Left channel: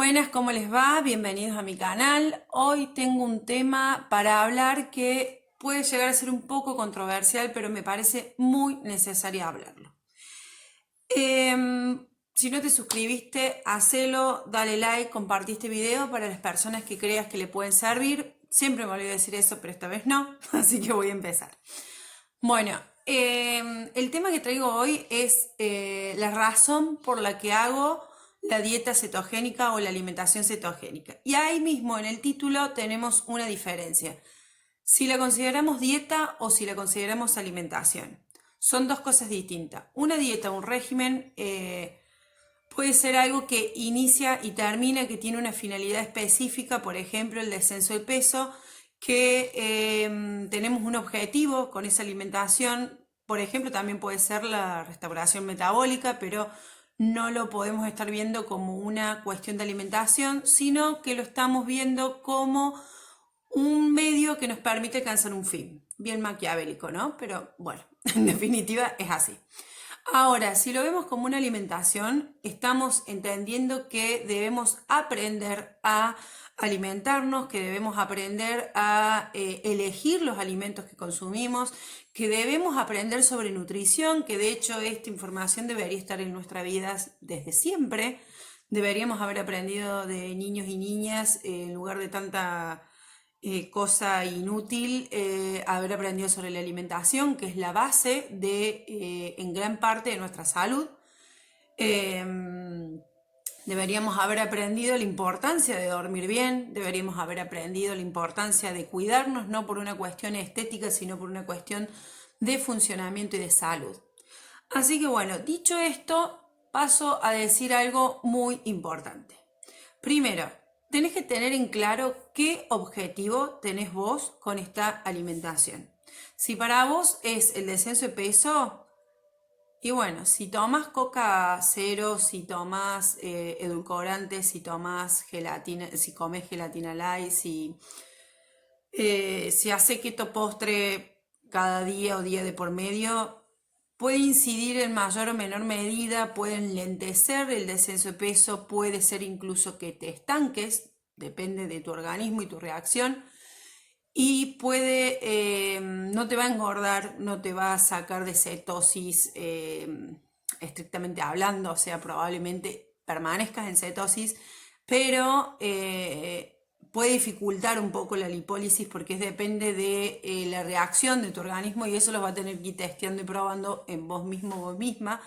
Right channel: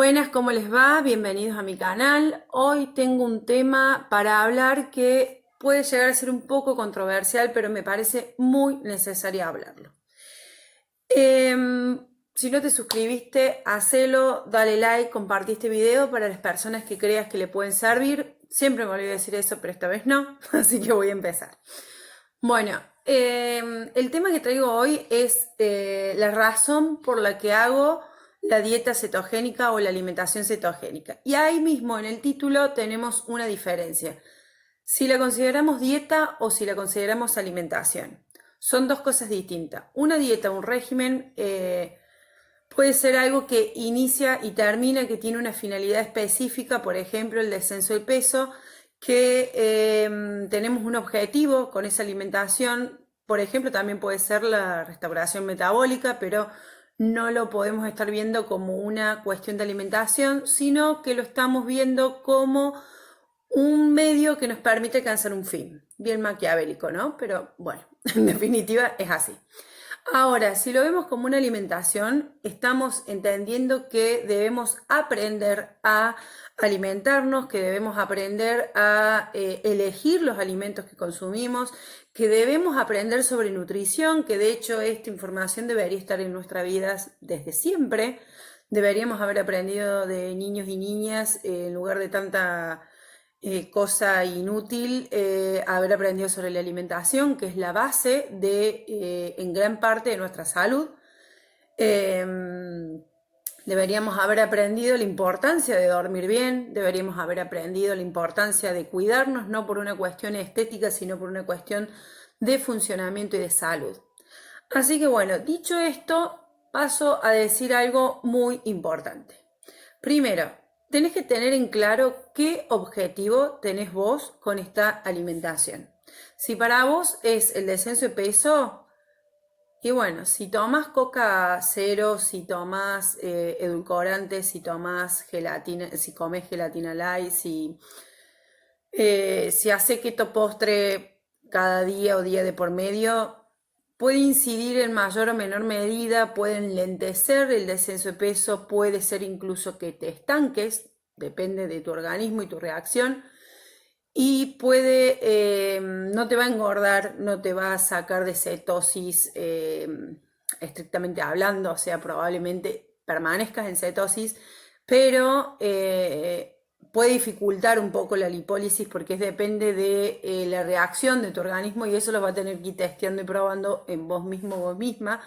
Buenas, ¿cómo les va? Bienvenidos a mi canal. Hoy tengo un tema para hablar que puede llegar a ser un poco controversial, pero me parece muy necesario hablarlo. Si no te suscribiste, hacelo, dale like, compartí este video para las personas que creas que le pueden servir. Siempre me olvido de decir eso, pero esta vez no, así que voy a empezar. Bueno, el tema que traigo hoy es la razón por la que hago la dieta cetogénica o la alimentación cetogénica. Y ahí mismo en el título tenemos una diferencia. Si la consideramos dieta o si la consideramos alimentación. Son dos cosas distintas. Una dieta, un régimen, puede ser algo que inicia y termina, que tiene una finalidad específica, por ejemplo, el descenso de peso, que tenemos un objetivo con esa alimentación. Por ejemplo, también puede ser la restauración metabólica, pero no lo podemos estar viendo como una cuestión de alimentación, sino que lo estamos viendo como un medio que nos permite alcanzar un fin. Bien maquiavélico, ¿no? Pero bueno, en definitiva es así. Ahora, si lo vemos como una alimentación, estamos entendiendo que debemos aprender a alimentarnos, que debemos aprender a elegir los alimentos que consumimos, que debemos aprender sobre nutrición, que de hecho esta información debería estar en nuestras vidas desde siempre. Deberíamos haber aprendido de niños y niñas en lugar de tanta cosa inútil, haber aprendido sobre la alimentación, que es la base de, en gran parte de nuestra salud. Deberíamos haber aprendido la importancia de dormir bien, deberíamos haber aprendido la importancia de cuidarnos, no por una cuestión estética, sino por una cuestión de funcionamiento y de salud. Así que bueno, dicho esto, paso a decir algo muy importante. Primero, tenés que tener en claro qué objetivo tenés vos con esta alimentación. Si para vos es el descenso de peso, y bueno, si tomas coca cero, si tomas edulcorantes, si tomas gelatina, si comes gelatina light, si hace keto postre cada día o día de por medio, puede incidir en mayor o menor medida, puede enlentecer el descenso de peso, puede ser incluso que te estanques, depende de tu organismo y tu reacción, y no te va a engordar, no te va a sacar de cetosis estrictamente hablando, o sea, probablemente permanezcas en cetosis, pero puede dificultar un poco la lipólisis porque depende de la reacción de tu organismo y eso lo va a tener que ir testeando y probando en vos mismo o vos misma,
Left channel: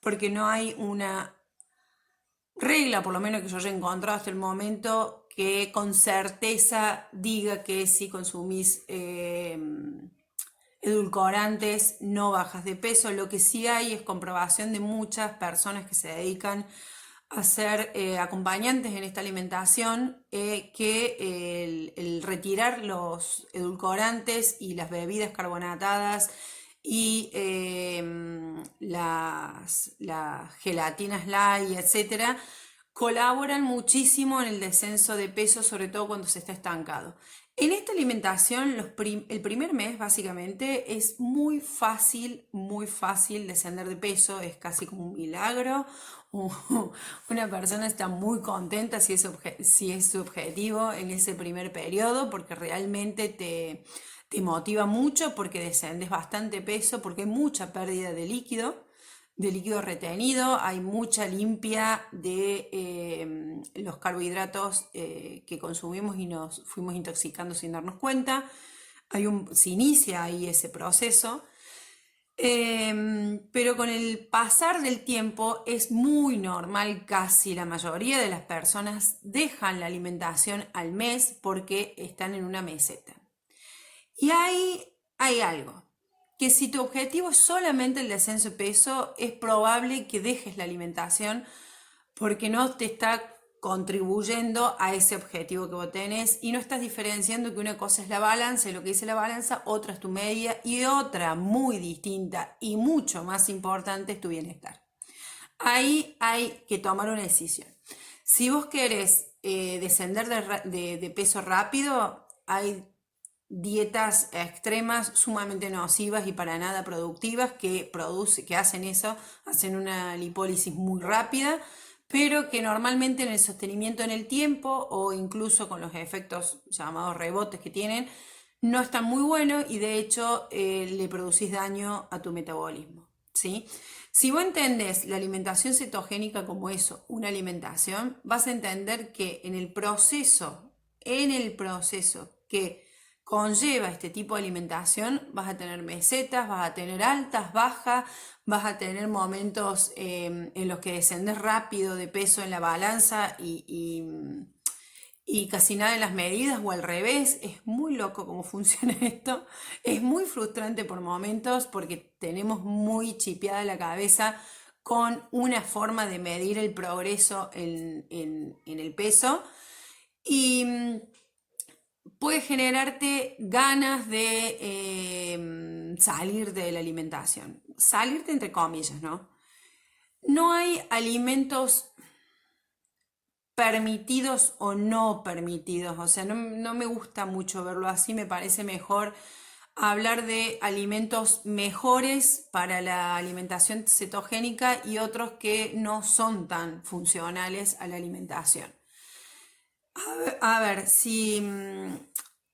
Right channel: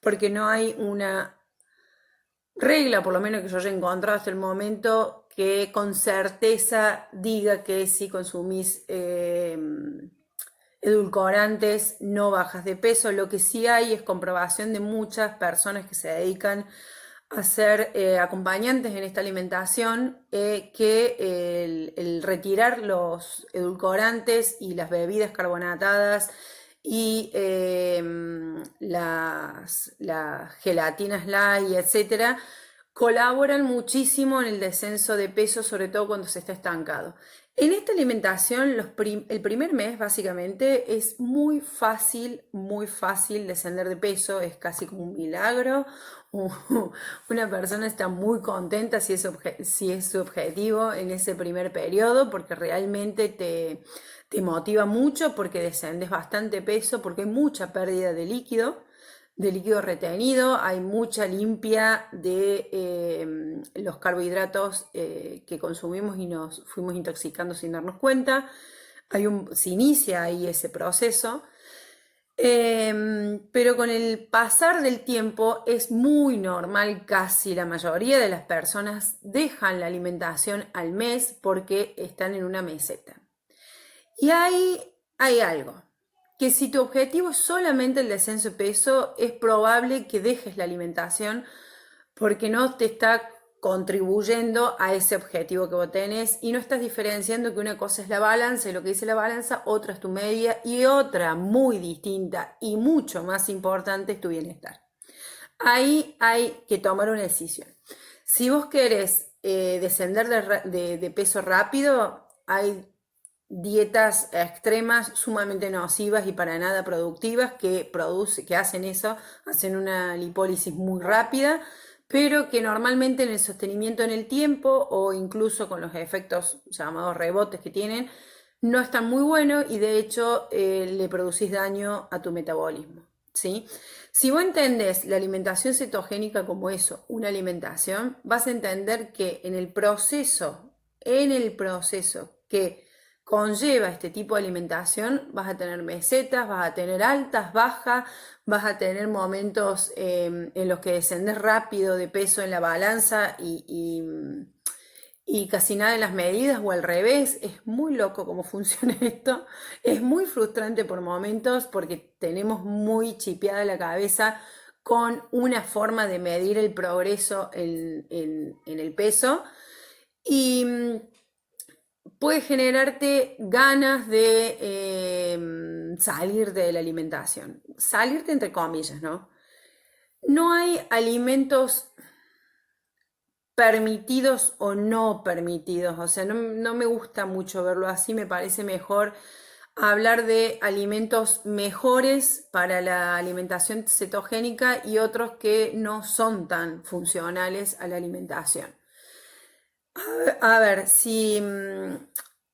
porque no hay una regla, por lo menos que yo haya encontrado hasta el momento, que con certeza diga que si consumís edulcorantes no bajas de peso. Lo que sí hay es comprobación de muchas personas que se dedican a ser acompañantes en esta alimentación, que el retirar los edulcorantes y las bebidas carbonatadas y las gelatinas light, etcétera, colaboran muchísimo en el descenso de peso, sobre todo cuando se está estancado. En esta alimentación, el primer mes básicamente es muy fácil descender de peso, es casi como un milagro. Una persona está muy contenta si es su objetivo en ese primer periodo, porque realmente te motiva mucho, porque descendes bastante peso, porque hay mucha pérdida de líquido retenido, hay mucha limpia de los carbohidratos que consumimos y nos fuimos intoxicando sin darnos cuenta. Se inicia ahí ese proceso. Pero con el pasar del tiempo es muy normal, casi la mayoría de las personas dejan la alimentación al mes porque están en una meseta. Y ahí hay algo, que si tu objetivo es solamente el descenso de peso, es probable que dejes la alimentación porque no te está contribuyendo a ese objetivo que vos tenés y no estás diferenciando que una cosa es la balanza y lo que dice la balanza, otra es tu media y otra muy distinta y mucho más importante es tu bienestar. Ahí hay que tomar una decisión. Si vos querés descender de peso rápido, hay dietas extremas sumamente nocivas y para nada productivas que hacen eso, hacen una lipólisis muy rápida, pero que normalmente en el sostenimiento en el tiempo o incluso con los efectos llamados rebotes que tienen, no están muy buenos y de hecho le producís daño a tu metabolismo, ¿sí? Si vos entendés la alimentación cetogénica como eso, una alimentación, vas a entender que en el proceso que conlleva este tipo de alimentación, vas a tener mesetas, vas a tener altas, bajas, vas a tener momentos en los que descendes rápido de peso en la balanza y casi nada en las medidas o al revés. Es muy loco cómo funciona esto. Es muy frustrante por momentos porque tenemos muy chipeada la cabeza con una forma de medir el progreso en el peso. Y puede generarte ganas de salir de la alimentación. Salirte entre comillas, ¿no? No hay alimentos permitidos o no permitidos, o sea, no me gusta mucho verlo así, me parece mejor hablar de alimentos mejores para la alimentación cetogénica y otros que no son tan funcionales a la alimentación. A ver, si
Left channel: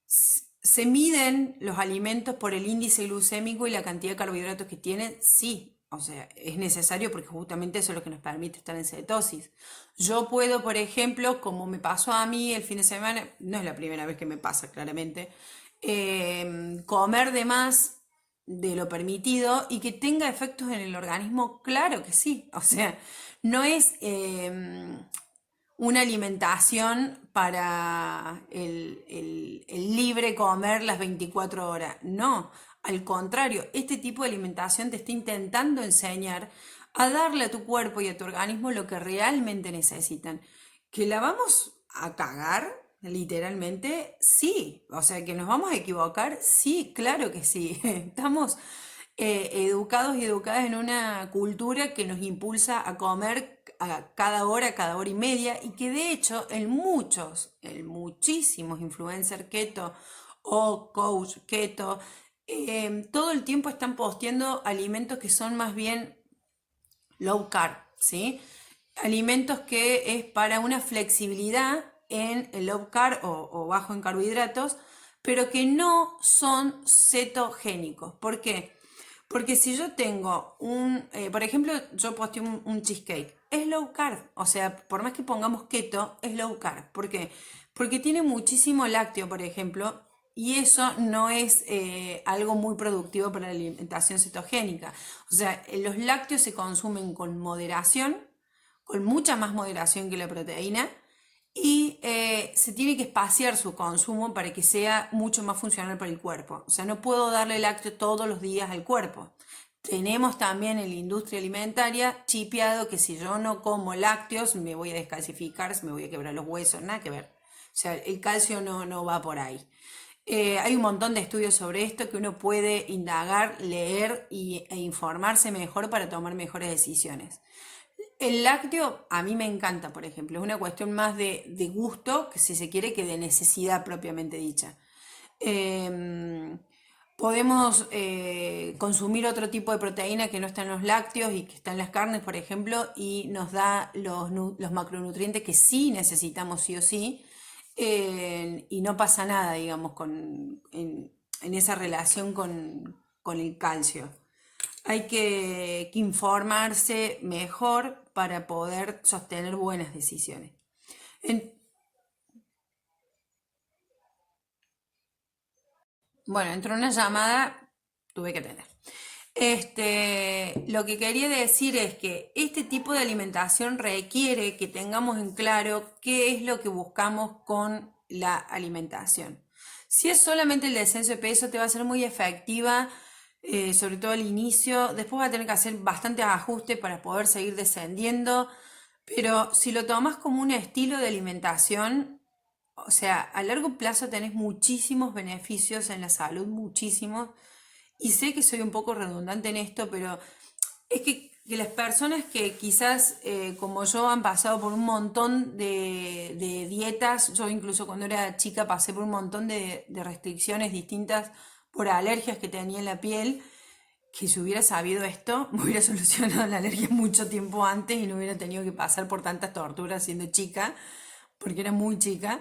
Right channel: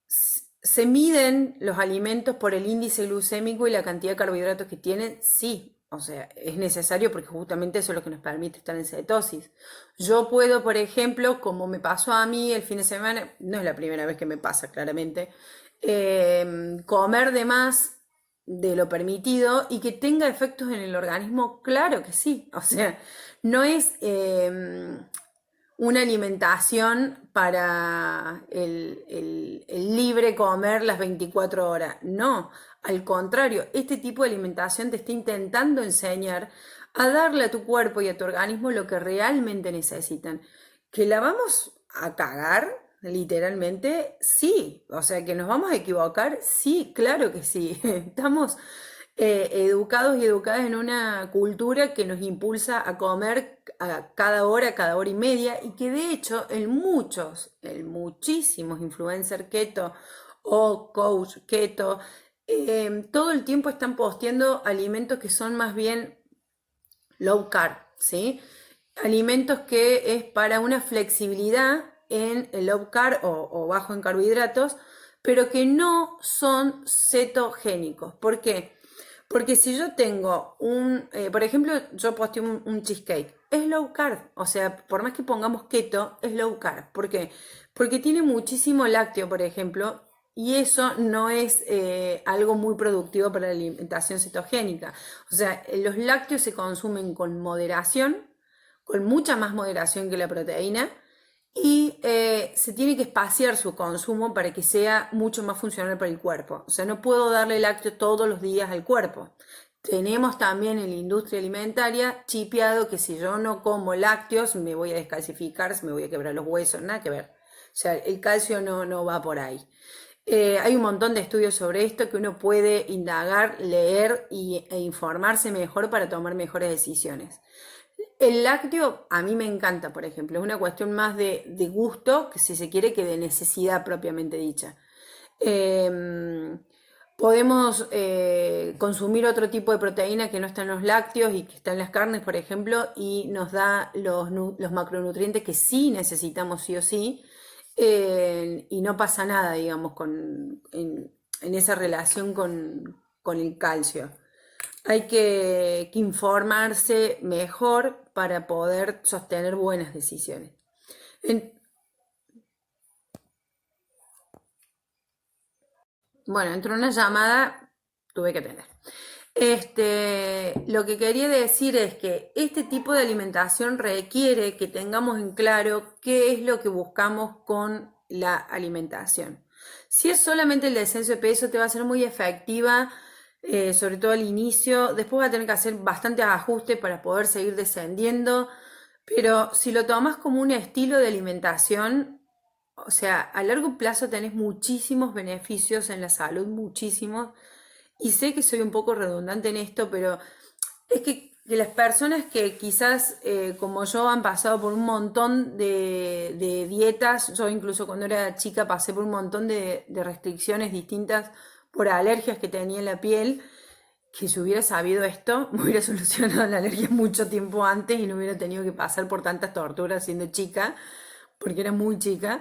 se miden los alimentos por el índice glucémico y la cantidad de carbohidratos que tienen, sí, o sea, es necesario porque justamente eso es lo que nos permite estar en cetosis. Yo puedo, por ejemplo, como me pasó a mí el fin de semana, no es la primera vez que me pasa, claramente, comer de más de lo permitido y que tenga efectos en el organismo, claro que sí. O sea, no es una alimentación para el libre comer las 24 horas. No, al contrario, este tipo de alimentación te está intentando enseñar a darle a tu cuerpo y a tu organismo lo que realmente necesitan. ¿Que la vamos a cagar? Literalmente, sí. O sea, que nos vamos a equivocar, sí, claro que sí. Estamos educados y educadas en una cultura que nos impulsa a comer a cada hora y media, y que de hecho en muchísimos influencers keto o coach keto, todo el tiempo están posteando alimentos que son más bien low carb, ¿sí? Alimentos que es para una flexibilidad en el low carb o bajo en carbohidratos, pero que no son cetogénicos. ¿Por qué? Porque si yo tengo por ejemplo, yo posteo un cheesecake, es low carb, o sea, por más que pongamos keto, es low carb. ¿Por qué? Porque tiene muchísimo lácteo, por ejemplo, y eso no es algo muy productivo para la alimentación cetogénica. O sea, los lácteos se consumen con moderación, con mucha más moderación que la proteína, y se tiene que espaciar su consumo para que sea mucho más funcional para el cuerpo. O sea, no puedo darle lácteo todos los días al cuerpo. Tenemos también en la industria alimentaria chipeado que si yo no como lácteos me voy a descalcificar, me voy a quebrar los huesos, nada que ver. O sea, el calcio no va por ahí. Hay un montón de estudios sobre esto que uno puede indagar, leer e informarse mejor para tomar mejores decisiones. El lácteo a mí me encanta, por ejemplo, es una cuestión más de gusto, que si se quiere, que de necesidad propiamente dicha. Eh, Podemos consumir otro tipo de proteína que no está en los lácteos y que está en las carnes, por ejemplo, y nos da los macronutrientes que sí necesitamos sí o sí, y no pasa nada, digamos, en esa relación con el calcio. Hay que informarse mejor para poder sostener buenas decisiones. En- bueno, entró una llamada, tuve que tener. Lo que quería decir es que este tipo de alimentación requiere que tengamos en claro qué es lo que buscamos con la alimentación. Si es solamente el descenso de peso, te va a ser muy efectiva, sobre todo al inicio. Después va a tener que hacer bastantes ajustes para poder seguir descendiendo. Pero si lo tomas como un estilo de alimentación, o sea, a largo plazo tenés muchísimos beneficios en la salud, muchísimos. Y sé que soy un poco redundante en esto, pero es que las personas que quizás como yo han pasado por un montón de dietas, yo incluso cuando era chica pasé por un montón de restricciones distintas por alergias que tenía en la piel, que si hubiera sabido esto, me hubiera solucionado la alergia mucho tiempo antes y no hubiera tenido que pasar por tantas torturas siendo chica, porque era muy chica.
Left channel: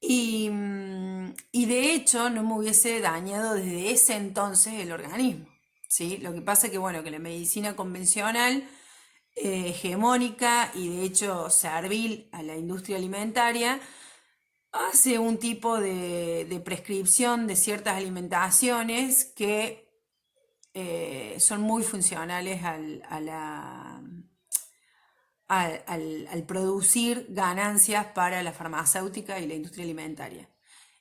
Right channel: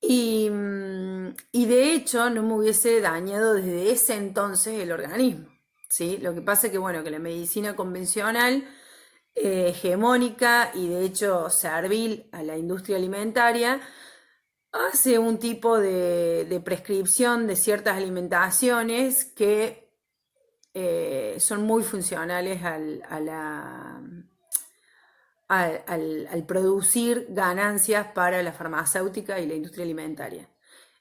Y de hecho no me hubiese dañado desde ese entonces el organismo, ¿sí? Lo que pasa es que, bueno, que la medicina convencional, hegemónica y de hecho servil a la industria alimentaria, hace un tipo de prescripción de ciertas alimentaciones que son muy funcionales al producir ganancias para la farmacéutica y la industria alimentaria.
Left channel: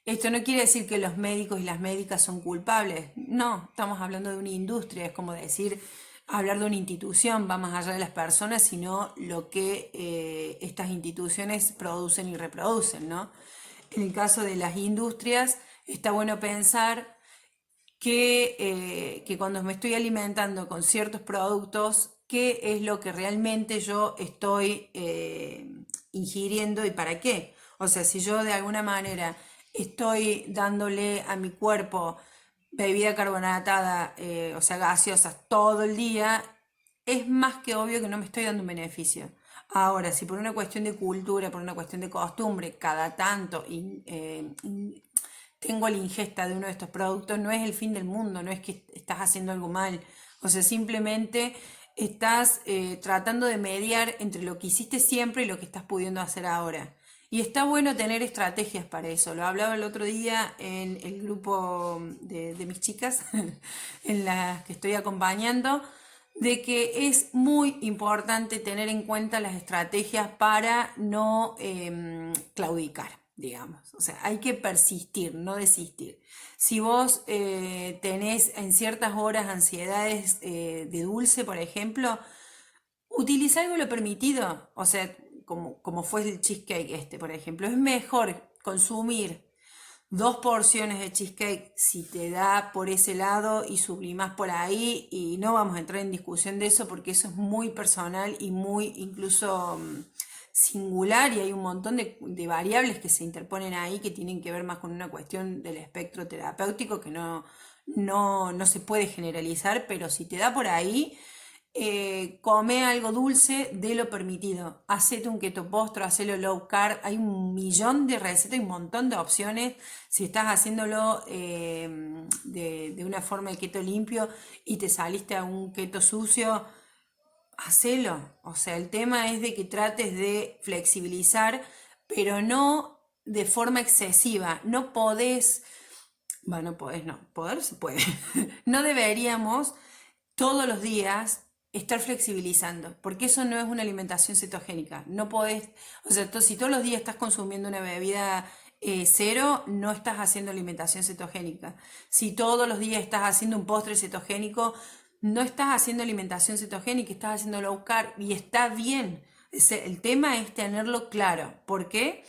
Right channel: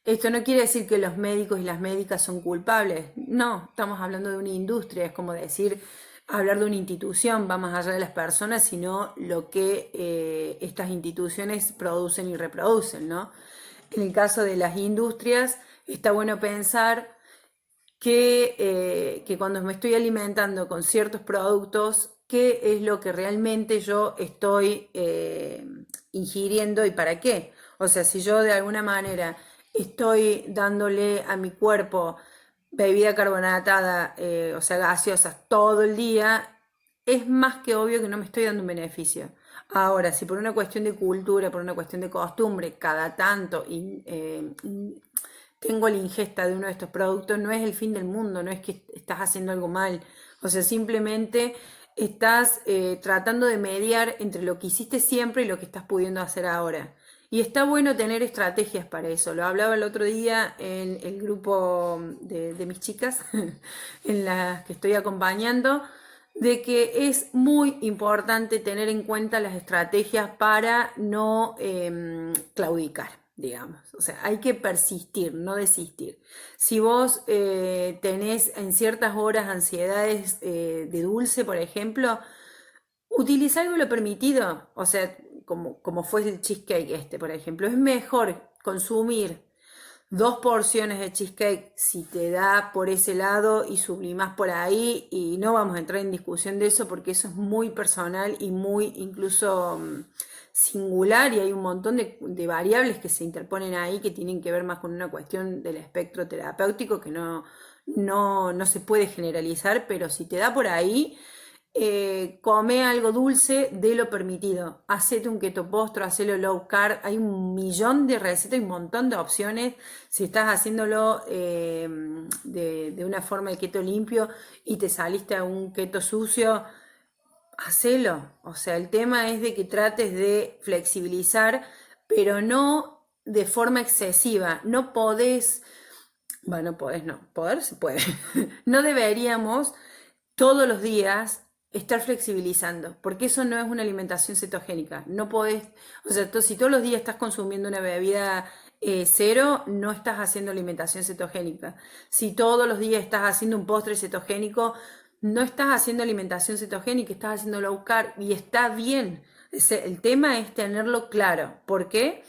Esto no quiere decir que los médicos y las médicas son culpables, no, estamos hablando de una industria, es como decir, hablar de una institución, va más allá de las personas, sino lo que estas instituciones producen y reproducen, ¿no? En el caso de las industrias, está bueno pensar que cuando me estoy alimentando con ciertos productos, qué es lo que realmente yo estoy ingiriendo y para qué. O sea, si yo de alguna manera estoy dándole a mi cuerpo bebida carbonatada, o sea, gaseosas todo el día, es más que obvio que no me estoy dando un beneficio. Ahora, si por una cuestión de cultura, por una cuestión de costumbre, cada tanto tengo la ingesta de uno de estos productos, no es el fin del mundo, no es que estás haciendo algo mal. O sea, simplemente estás tratando de mediar entre lo que hiciste siempre y lo que estás pudiendo hacer ahora. Y está bueno tener estrategias para eso. Lo hablaba el otro día en el grupo de mis chicas, en las que estoy acompañando, de que es muy importante tener en cuenta las estrategias para no claudicar, digamos. O sea, hay que persistir, no desistir. Si vos tenés en ciertas horas ansiedades de dulce, por ejemplo, utiliza algo lo permitido. O sea, como fue el cheesecake este, por ejemplo. Es mejor consumir 2 porciones de cheesecake si te da por ese lado y sublimas por ahí, y no vamos a entrar en discusión de eso porque eso es muy personal y muy incluso singular, y hay un montón de variables que se interponen ahí que tienen que ver más con una cuestión del espectro terapéutico que no se puede generalizar, pero si te da por ahí, come algo dulce de lo permitido. Hacete un keto postre, hacelo low carb. Hay un millón de recetas y un montón de opciones. Si estás haciéndolo de una forma de keto limpio y te saliste a un keto sucio, hacelo. O sea, el tema es de que trates de flexibilizar, pero no de forma excesiva. No podés, bueno, no podés, no, poder se puede. No deberíamos todos los días estar flexibilizando, porque eso no es una alimentación cetogénica. No podés, o sea, si todos los días estás consumiendo una bebida cero, no estás haciendo alimentación cetogénica. Si todos los días estás haciendo un postre cetogénico, no estás haciendo alimentación cetogénica, estás haciendo low carb y está bien. El tema es tenerlo claro. ¿Por qué?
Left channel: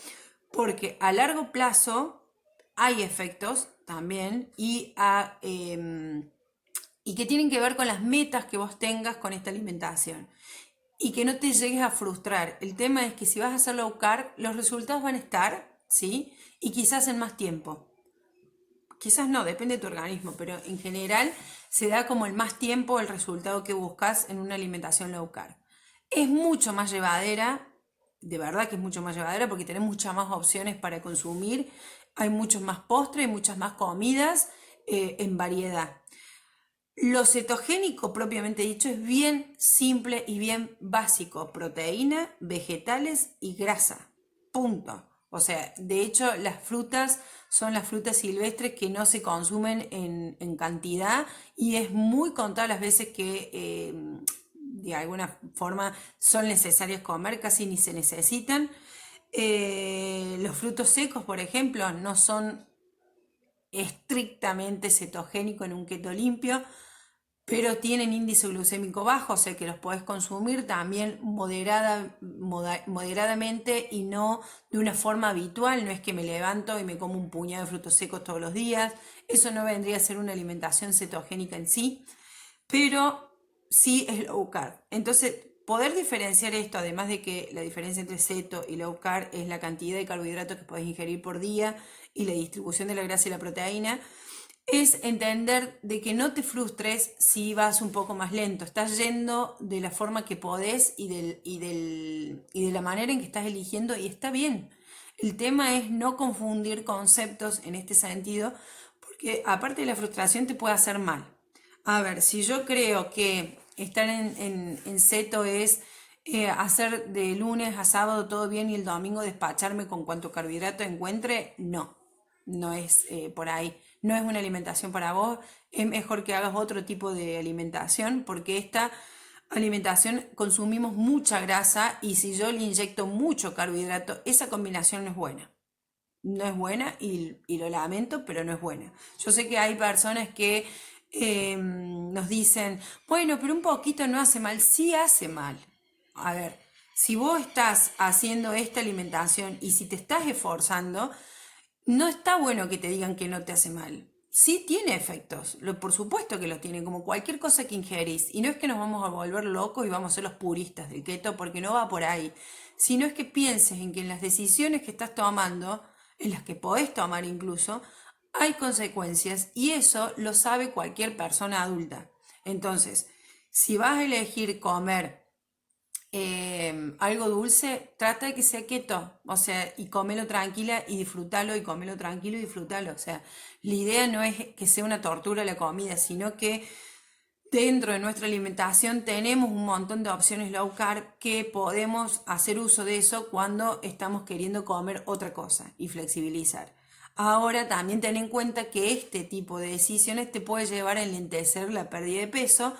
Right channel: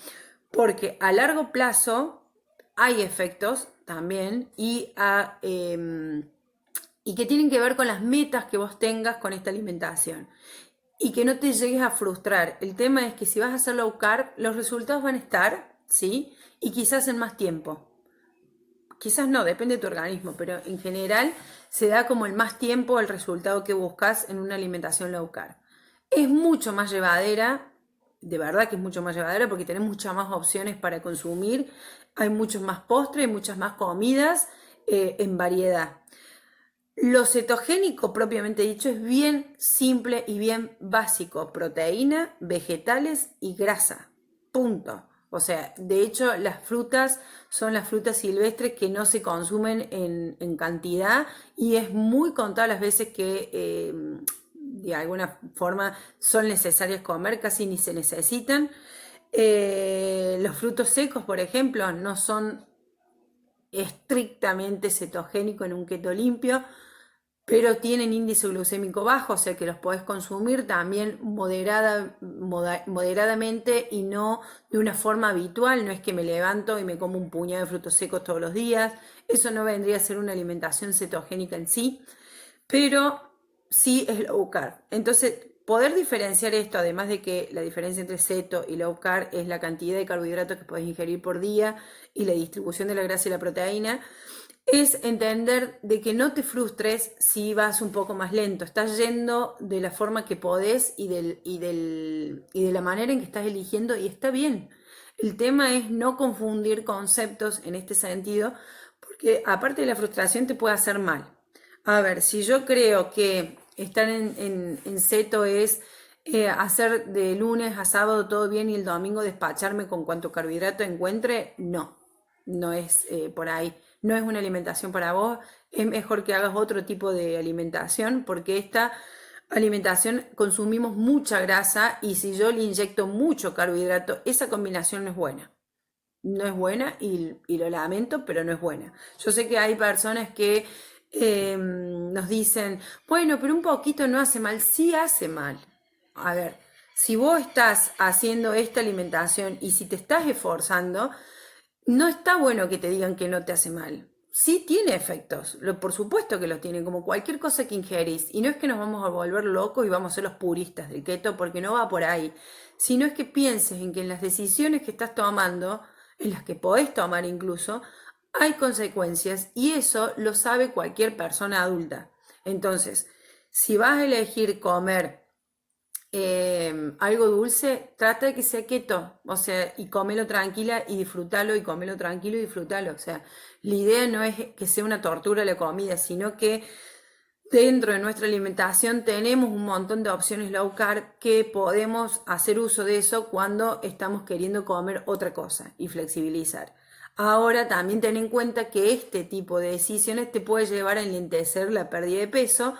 Porque a largo plazo hay efectos también y que tienen que ver con las metas que vos tengas con esta alimentación. Y que no te llegues a frustrar. El tema es que si vas a hacer low carb, los resultados van a estar, ¿sí? Y quizás en más tiempo. Quizás no, depende de tu organismo, pero en general se da como el más tiempo el resultado que buscas en una alimentación low carb. Es mucho más llevadera, de verdad que es mucho más llevadera porque tenés muchas más opciones para consumir, hay muchos más postres, muchas más comidas en variedad. Lo cetogénico propiamente dicho es bien simple y bien básico: proteína, vegetales y grasa. Punto. O sea, de hecho las frutas son las frutas silvestres que no se consumen en cantidad, y es muy contadas las veces que de alguna forma son necesarias comer, casi ni se necesitan. Los frutos secos, por ejemplo, no son estrictamente cetogénicos en un keto limpio, pero tienen índice glucémico bajo, o sea que los podés consumir también moderadamente y no de una forma habitual. No es que me levanto y me como un puñado de frutos secos todos los días. Eso no vendría a ser una alimentación cetogénica en sí, pero sí es low carb. Entonces, poder diferenciar esto, además de que la diferencia entre ceto y low carb es la cantidad de carbohidratos que podés ingerir por día y la distribución de la grasa y la proteína, es entender de que no te frustres si vas un poco más lento. Estás yendo de la forma que podés y de la manera en que estás eligiendo y está bien. El tema es no confundir conceptos en este sentido, porque aparte de la frustración te puede hacer mal. A ver, si yo creo que estar en seto es hacer de lunes a sábado todo bien y el domingo despacharme con cuanto carbohidrato encuentre, no, no es por ahí. No es una alimentación para vos, es mejor que hagas otro tipo de alimentación porque esta alimentación consumimos mucha grasa y si yo le inyecto mucho carbohidrato, esa combinación no es buena. No es buena y lo lamento, pero no es buena. Yo sé que hay personas que nos dicen, bueno, pero un poquito no hace mal. Sí hace mal. A ver, si vos estás haciendo esta alimentación y si te estás esforzando, no está bueno que te digan que no te hace mal. Sí tiene efectos, por supuesto que los tiene, como cualquier cosa que ingerís. Y no es que nos vamos a volver locos y vamos a ser los puristas del keto, porque no va por ahí. Sino es que pienses en que en las decisiones que estás tomando, en las que podés tomar incluso, hay consecuencias y eso lo sabe cualquier persona adulta. Entonces, si vas a elegir comer algo dulce, trata de que sea keto, o sea, y cómelo tranquila y disfrútalo, y cómelo tranquilo y disfrútalo. O sea, la idea no es que sea una tortura la comida, sino que dentro de nuestra alimentación tenemos un montón de opciones low carb que podemos hacer uso de eso cuando estamos queriendo comer otra cosa y flexibilizar. Ahora también ten en cuenta que este tipo de decisiones te puede llevar a enlentecer la pérdida de peso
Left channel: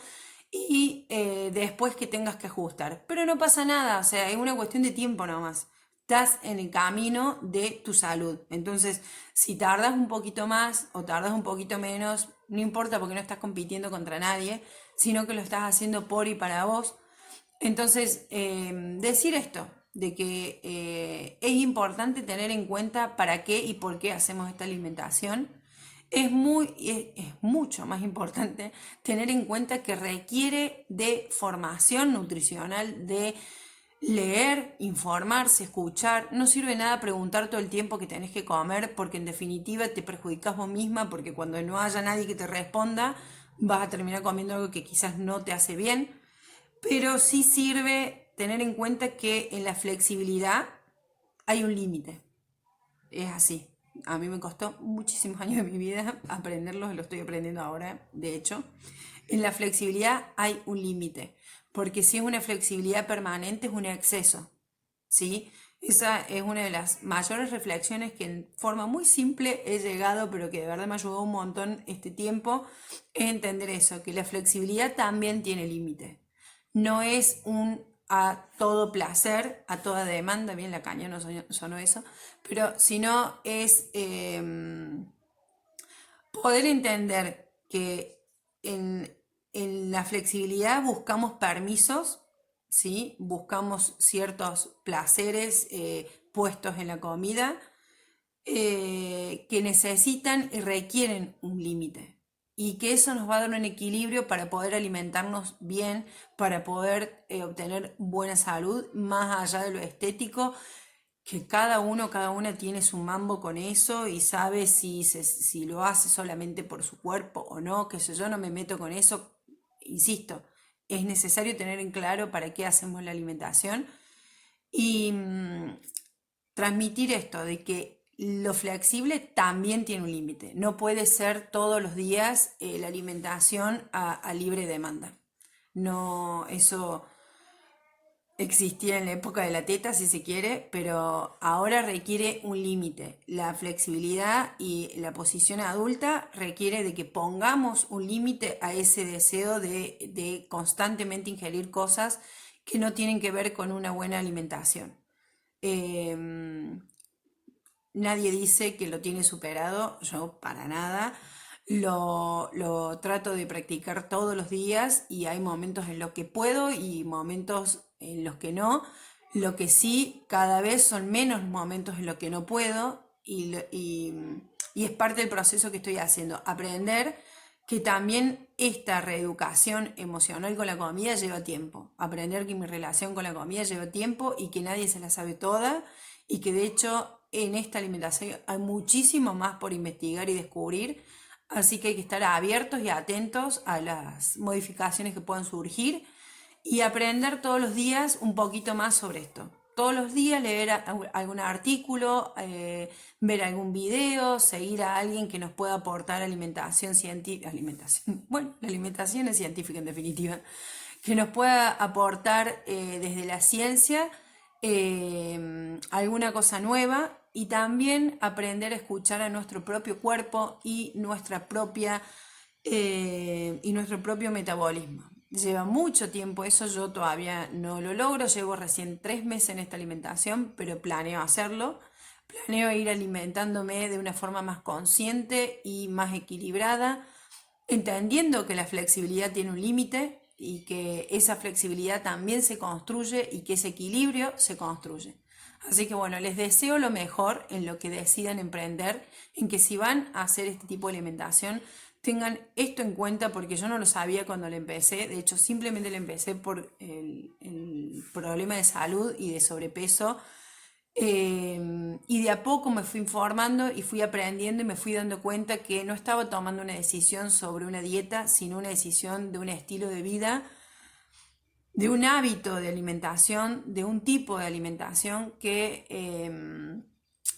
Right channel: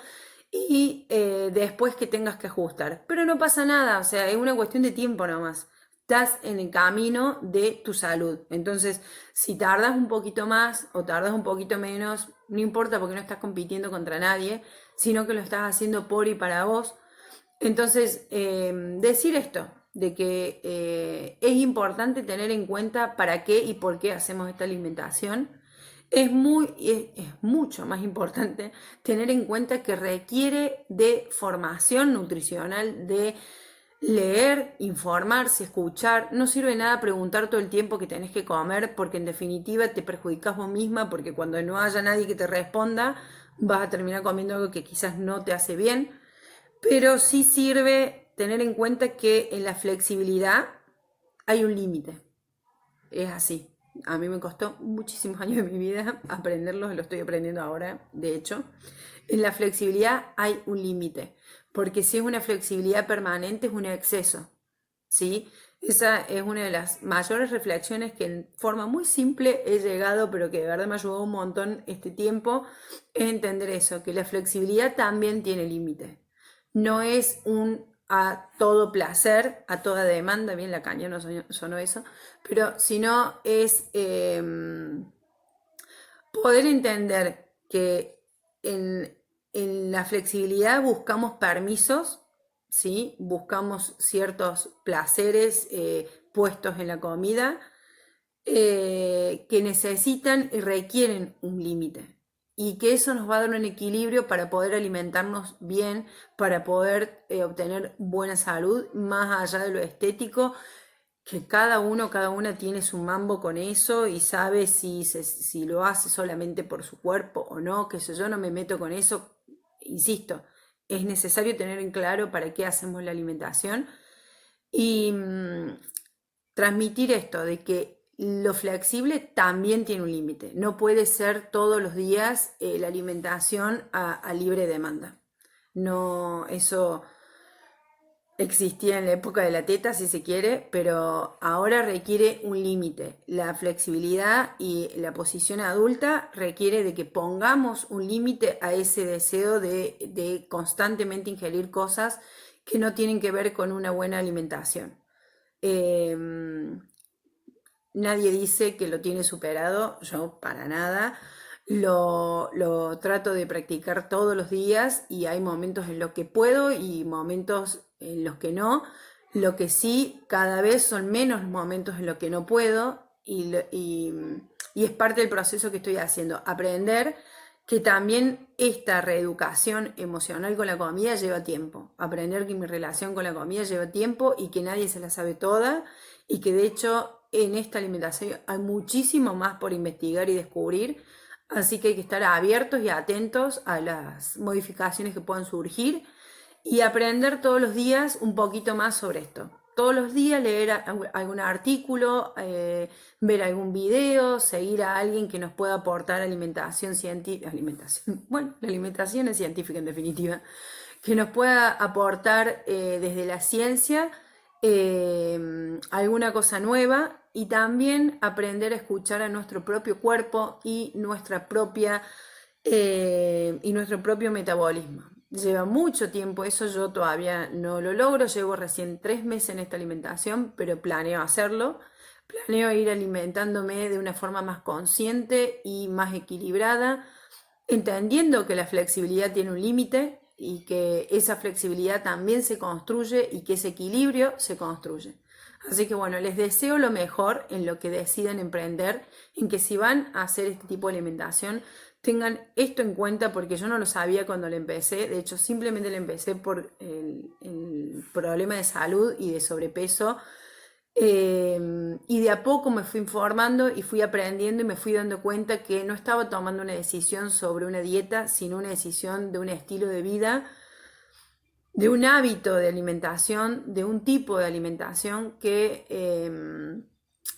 y después que tengas que ajustar. Pero no pasa nada, o sea, es una cuestión de tiempo nomás. Estás en el camino de tu salud. Entonces, si tardas un poquito más o tardas un poquito menos, no importa porque no estás compitiendo contra nadie, sino que lo estás haciendo por y para vos. Entonces, decir esto, de que es importante tener en cuenta para qué y por qué hacemos esta alimentación. Es mucho más importante tener en cuenta que requiere de formación nutricional, de leer, informarse, escuchar. No sirve de nada preguntar todo el tiempo que tenés que comer porque en definitiva te perjudicas vos misma porque cuando no haya nadie que te responda vas a terminar comiendo algo que quizás no te hace bien. Pero sí sirve tener en cuenta que en la flexibilidad hay un límite. Es así. A mí me costó muchísimos años de mi vida aprenderlo, lo estoy aprendiendo ahora, de hecho. En la flexibilidad hay un límite, porque si es una flexibilidad permanente es un exceso, ¿sí? Esa es una de las mayores reflexiones que en forma muy simple he llegado, pero que de verdad me ayudó un montón este tiempo, es entender eso, que la flexibilidad también tiene límite. No es un a todo placer, a toda demanda, bien la caña no sonó eso, pero sino es poder entender que en la flexibilidad buscamos permisos, ¿sí? Buscamos ciertos placeres puestos en la comida que necesitan y requieren un límite. Y que eso nos va a dar un equilibrio para poder alimentarnos bien, para poder obtener buena salud, más allá de lo estético, que cada uno, cada una tiene su mambo con eso y sabe si lo hace solamente por su cuerpo o no, que yo no me meto con eso. Insisto, es necesario tener en claro para qué hacemos la alimentación y transmitir esto de que lo flexible también tiene un límite. No puede ser todos los días la alimentación a libre demanda. No, eso existía en la época de la teta, si se quiere, pero ahora requiere un límite. La flexibilidad y la posición adulta requiere de que pongamos un límite a ese deseo de constantemente ingerir cosas que no tienen que ver con una buena alimentación. Nadie dice que lo tiene superado, yo para nada. Lo trato de practicar todos los días y hay momentos en los que puedo y momentos en los que no. Lo que sí, cada vez son menos momentos en los que no puedo y es parte del proceso que estoy haciendo. Aprender que también esta reeducación emocional con la comida lleva tiempo. Aprender que mi relación con la comida lleva tiempo y que nadie se la sabe toda y que de hecho en esta alimentación hay muchísimo más por investigar y descubrir. Así que hay que estar abiertos y atentos a las modificaciones que puedan surgir y aprender todos los días un poquito más sobre esto. Todos los días leer algún artículo, ver algún video, seguir a alguien que nos pueda aportar alimentación científica. Bueno, la alimentación es científica en definitiva. Que nos pueda aportar desde la ciencia alguna cosa nueva y también aprender a escuchar a nuestro propio cuerpo y nuestro propio metabolismo. Lleva mucho tiempo eso, yo todavía no lo logro, llevo recién 3 meses en esta alimentación, pero planeo hacerlo. Planeo ir alimentándome de una forma más consciente y más equilibrada, entendiendo que la flexibilidad tiene un límite y que esa flexibilidad también se construye y que ese equilibrio se construye. Así que bueno, les deseo lo mejor en lo que decidan emprender, en que si van a hacer este tipo de alimentación, tengan esto en cuenta porque yo no lo sabía cuando lo empecé. De hecho, simplemente lo empecé por el problema de salud y de sobrepeso. Y de a poco me fui informando y fui aprendiendo y me fui dando cuenta que no estaba tomando una decisión sobre una dieta, sino una decisión de un estilo de vida, de un hábito de alimentación, de un tipo de alimentación que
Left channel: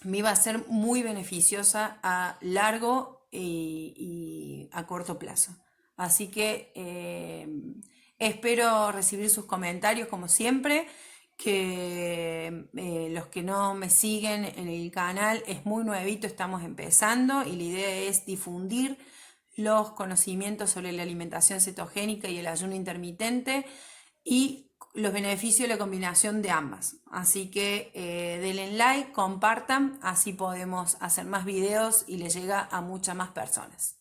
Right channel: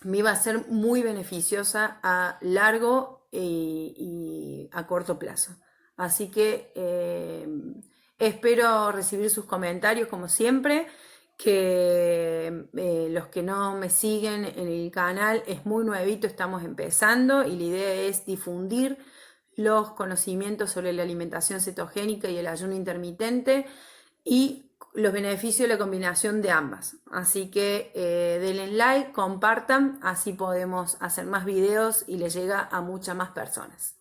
me iba a ser muy beneficiosa a largo y a corto plazo. Así que espero recibir sus comentarios como siempre, que los que no me siguen en el canal es muy nuevito, estamos empezando y la idea es difundir los conocimientos sobre la alimentación cetogénica y el ayuno intermitente y los beneficios de la combinación de ambas. Así que denle like, compartan, así podemos hacer más videos y le llega a muchas más personas.